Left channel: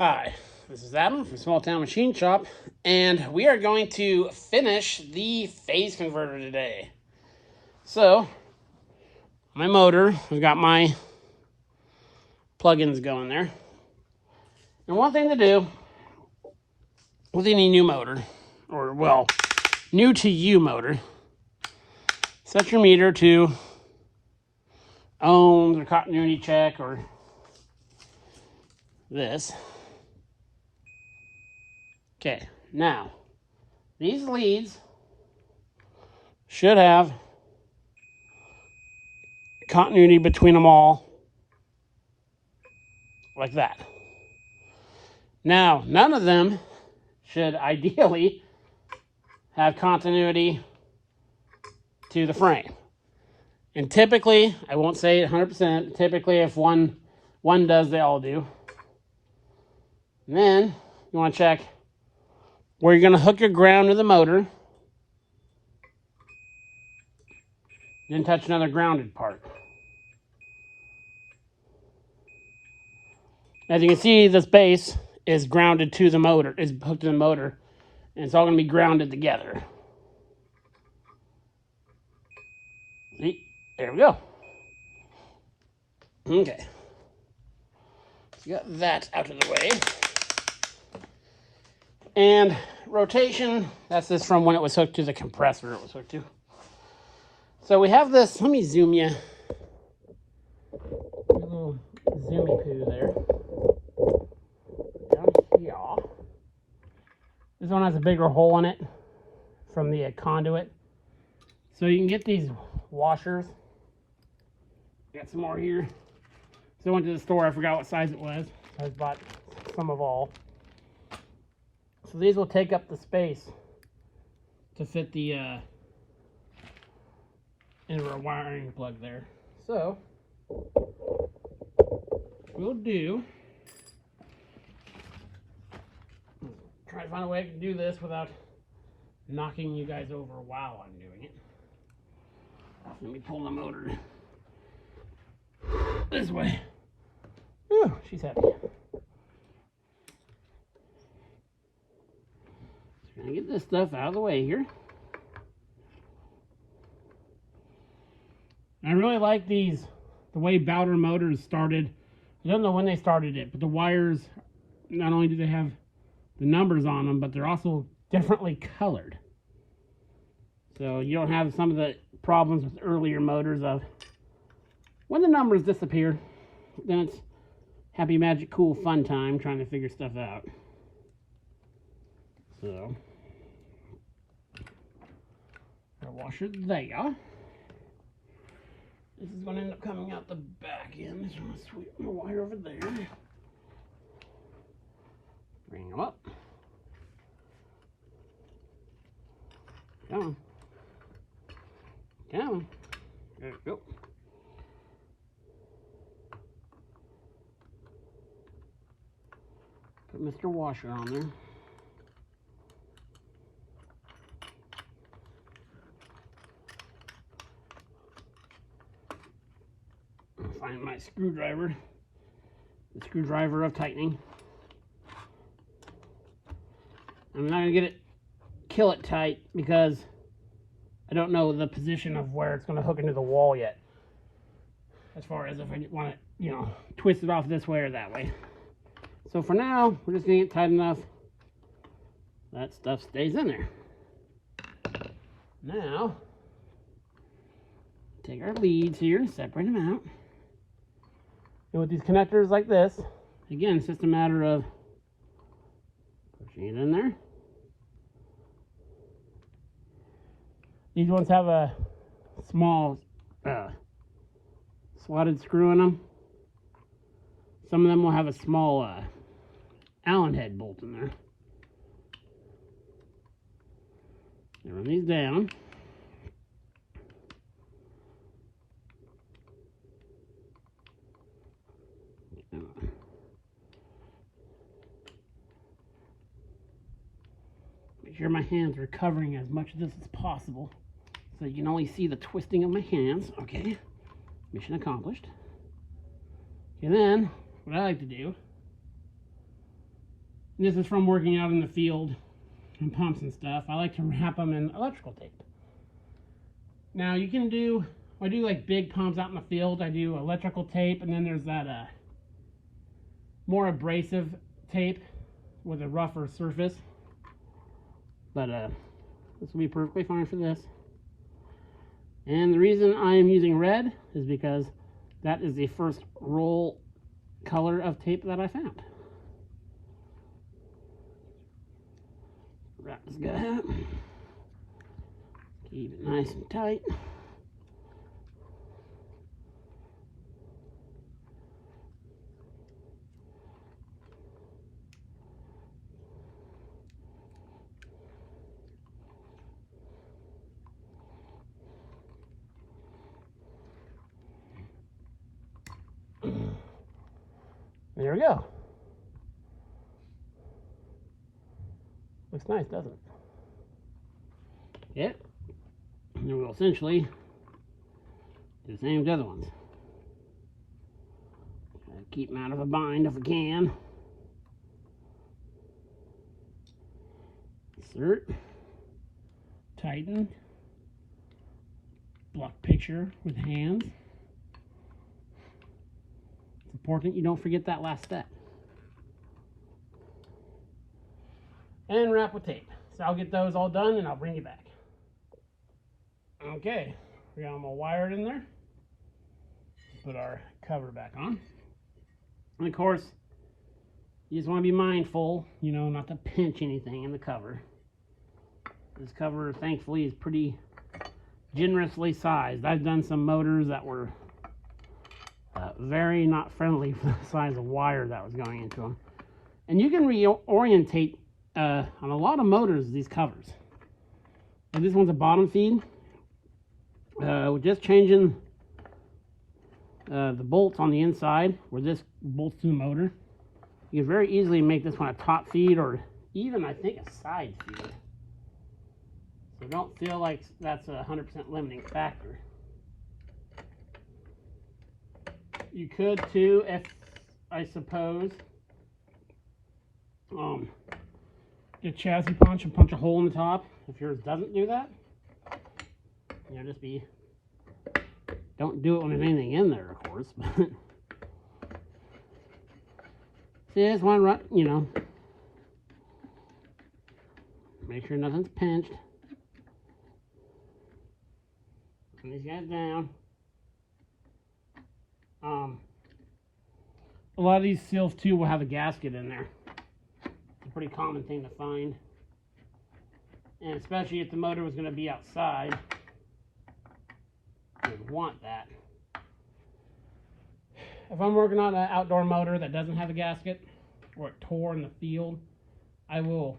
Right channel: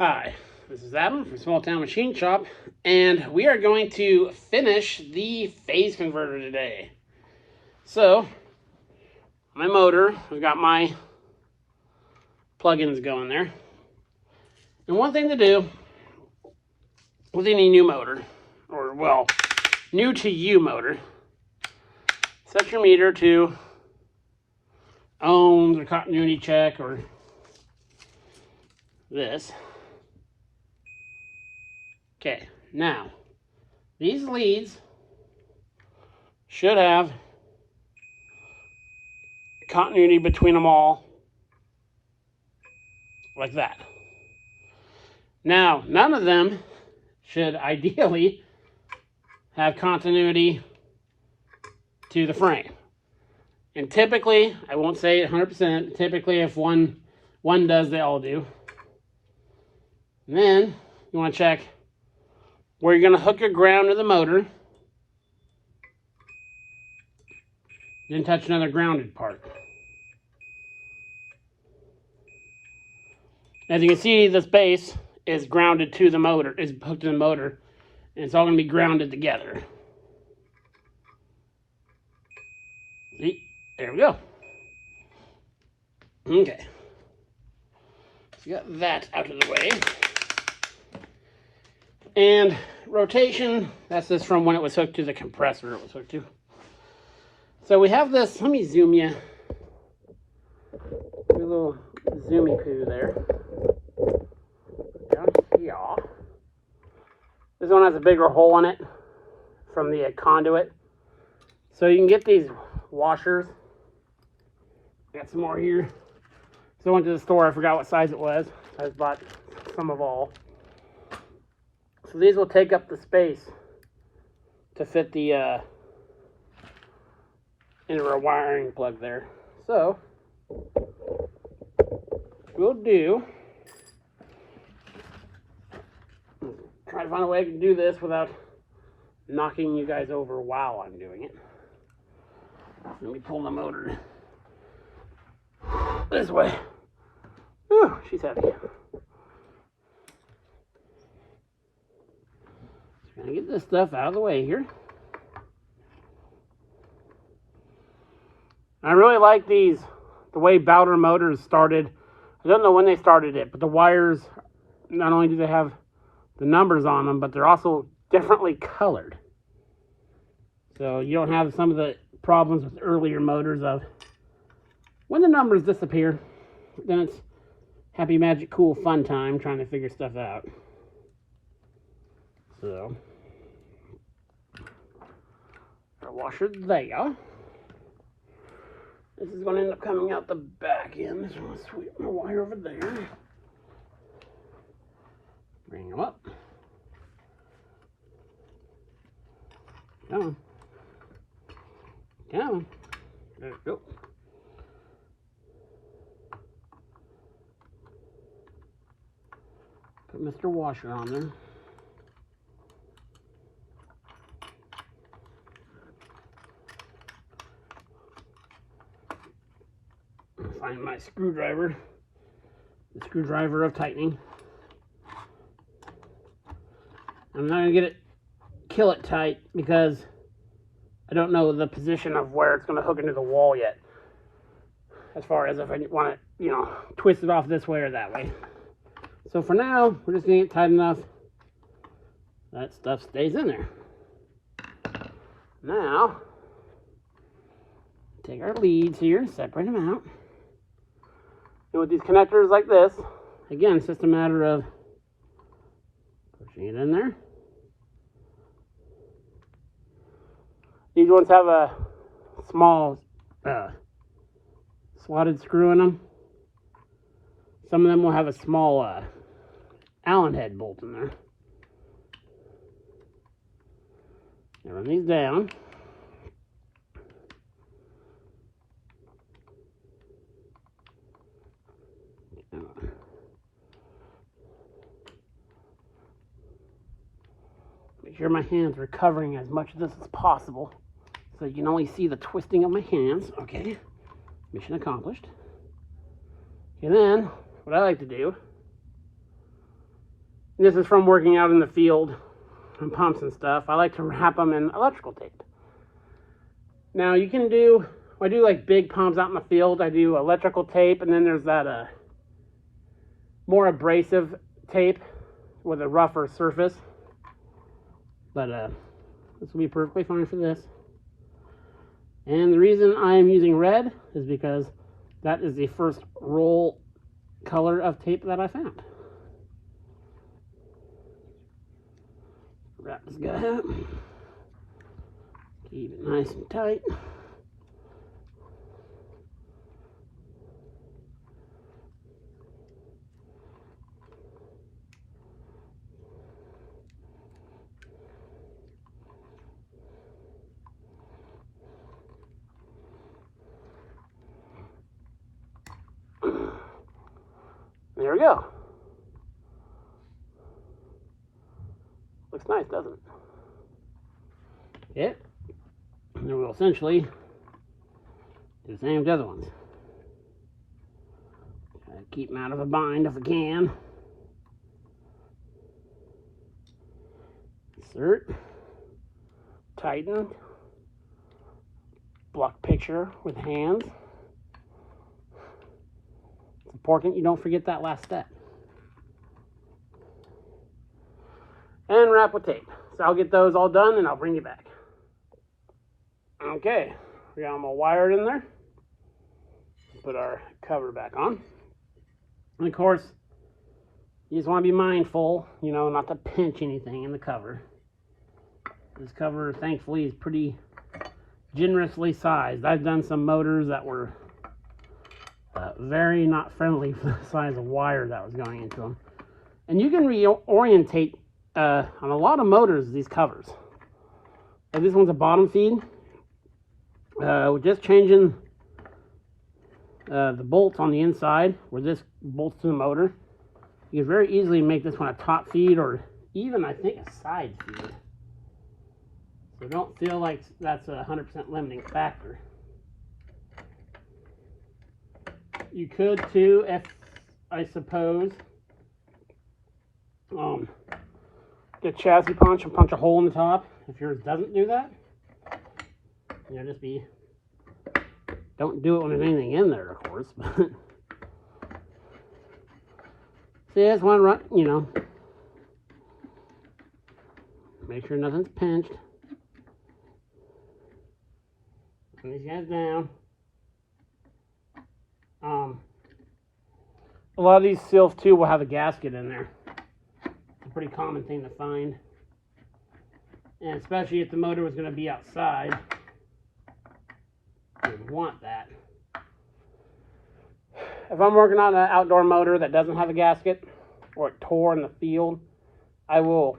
Hi, this is Adam from Small Town Machine Shop, and we are going to finish the phase converter today. So, my motor, I've got my plugins going there. And one thing to do with any new motor, or well, new to you motor, set your meter to ohms or continuity check or this. Okay, now, these leads should have continuity between them all, like that. Now, none of them should ideally have continuity to the frame. And typically, I won't say 100%, typically if one does, they all do. And then, you want to check where you're going to hook your ground to the motor. Then touch another grounded part. As you can see, this base is grounded to the motor, is hooked to the motor, and it's all going to be grounded together. See? There we go. Okay. So got that out of the way. And rotation, that's just from when it was hooked to the compressor it was hooked to. So we have this, let me zoom you. A little zoomy poo there. Down here. This one has a bigger hole in it from the conduit. So you can get these washers. Got some more here. So I went to the store, I forgot what size it was. I just bought some of all. So these will take up the space to fit the into a wiring plug there. So we'll do, try to find a way I can do this without knocking you guys over while I'm doing it. Let me pull the motor this way. Whew, she's heavy. So gonna get this stuff out of the way here. I really like these, the way Bowder Motors started. I don't know when they started it, but the wires, not only do they have the numbers on them, but they're also differently colored. So you don't have some of the problems with earlier motors of when the numbers disappear, then it's happy, magic, cool, fun time trying to figure stuff out. So, got a washer there. This is going to end up coming out the back end. So I'm going to sweep my wire over there. Bring them up. Come on. Come on. There we go. Put Mr. Washer on there. Find my screwdriver, the screwdriver of tightening. I'm not gonna kill it tight because I don't know the position of where it's gonna hook into the wall yet. As far as if I want to, twist it off this way or that way. So for now, we're just gonna get tight enough that stuff stays in there. Now, take our leads here, separate them out. And with these connectors like this, again, it's just a matter of pushing it in there. These ones have a small slotted screw in them. Some of them will have a small Allen head bolt in there. Now run these down. Make sure my hands are covering as much of this as possible so you can only see the twisting of my hands. Okay, mission accomplished. And then what I like to do And this is from working out in the field and pumps and stuff. I like to wrap them in electrical tape. Now you can do, I do like big pumps out in the field. I do electrical tape, and then there's that more abrasive tape with a rougher surface. But this will be perfectly fine for this. And the reason I am using red is because that is the first roll color of tape that I found. Wrap this guy up. Keep it nice and tight. There we go. Looks nice, doesn't it? Yeah. And then we'll essentially do the same with the other ones. Keep them out of a bind if I can. Insert. Tighten. Block picture with hands. It's important you don't forget that last step. And wrap with tape. So I'll get those all done and I'll bring you back. Okay, we got them all wired in there. Put our cover back on. And of course, you just want to be mindful, you know, not to pinch anything in the cover. This cover, thankfully, is pretty generously sized. I've done some motors that were very not friendly for the size of wire that was going into them. And you can reorientate on a lot of motors these covers. Like this one's a bottom feed. We're just changing the bolts on the inside where this bolts to the motor. You can very easily make this one a top feed or even, I think, a side feed. So don't feel like that's a 100% limiting factor. You could too, if I suppose, get chassis punch and punch a hole in the top. If yours doesn't do that, you know, just be, don't do it when there's anything in there, of course. See, I just want to run, you know, make sure nothing's pinched. Put these guys down. A lot of these seals too will have a gasket in there. It's a pretty common thing to find. And especially if the motor was going to be outside, you would want that. If I'm working on an outdoor motor that doesn't have a gasket, or it tore in the field, I will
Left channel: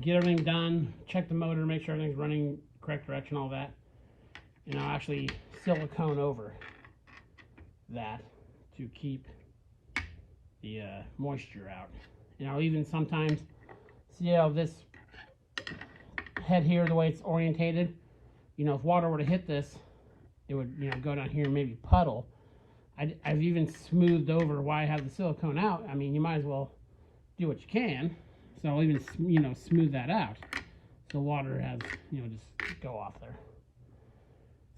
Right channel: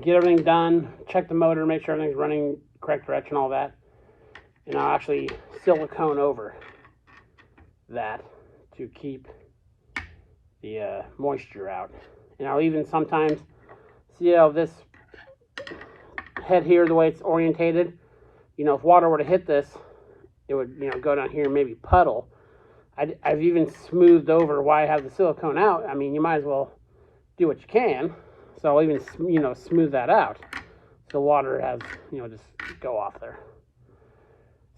get everything done, check the motor, make sure everything's running correct direction, all that. And I'll actually silicone over that to keep the moisture out. And I'll even sometimes see how this head here, the way it's orientated, you know, if water were to hit this, it would, you know, go down here and maybe puddle. I've even smoothed over why I have the silicone out. I mean, you might as well do what you can. So I'll even, you know, smooth that out so water has, you know, just go off there.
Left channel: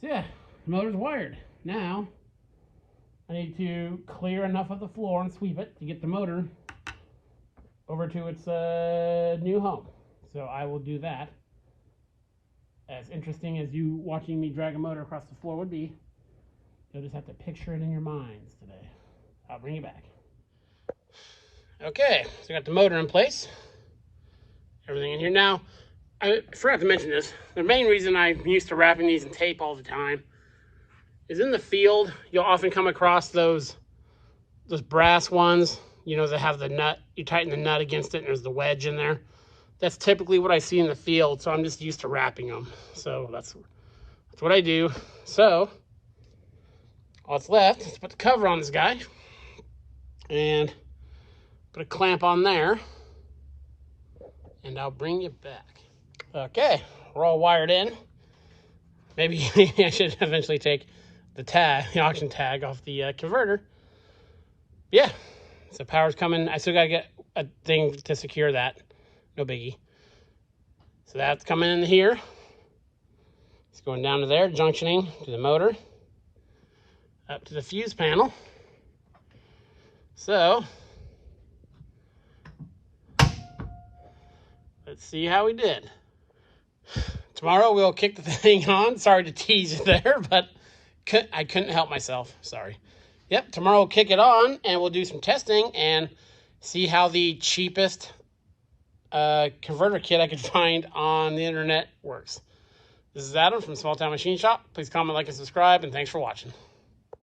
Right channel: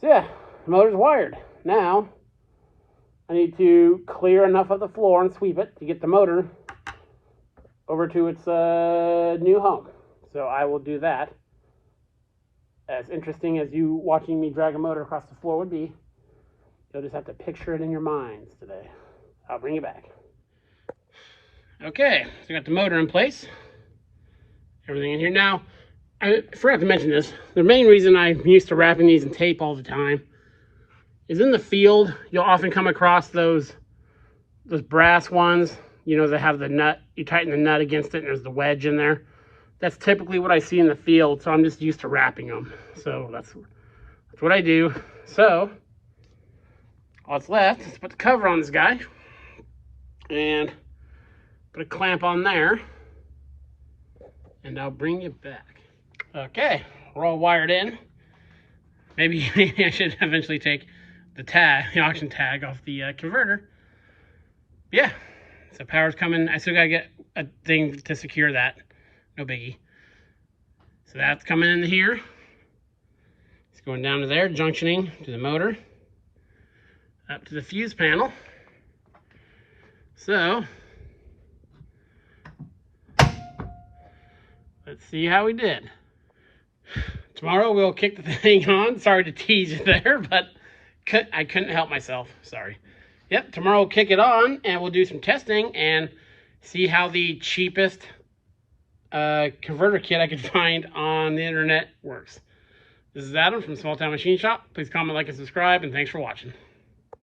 So yeah, the motor's wired. Now I need to clear enough of the floor and sweep it to get the motor over to its new home. So I will do that. As interesting as you watching me drag a motor across the floor would be, you'll just have to picture it in your minds today. I'll bring you back. Okay, so I got the motor in place. Everything in here. Now, I forgot to mention this. The main reason I'm used to wrapping these in tape all the time is in the field, you'll often come across those brass ones, you know, that have the nut. You tighten the nut against it and there's the wedge in there. That's typically what I see in the field, so I'm just used to wrapping them. So that's what I do. So all that's left is to put the cover on this guy and put a clamp on there, and I'll bring you back. Okay, we're all wired in. Maybe I should eventually take the tag, the auction tag off the converter. Yeah, so power's coming. I still gotta get a thing to secure that. No biggie. So that's coming in here. It's going down to there, junctioning to the motor, up to the fuse panel. So let's see how we did. Tomorrow we'll kick the thing on. Sorry to tease you there, but I couldn't help myself. Sorry. Yep, tomorrow we'll kick it on and we'll do some testing and see how the cheapest converter kit I could find on the internet works. This is Adam from Small Town Machine Shop. Please comment, like, and subscribe, and thanks for watching.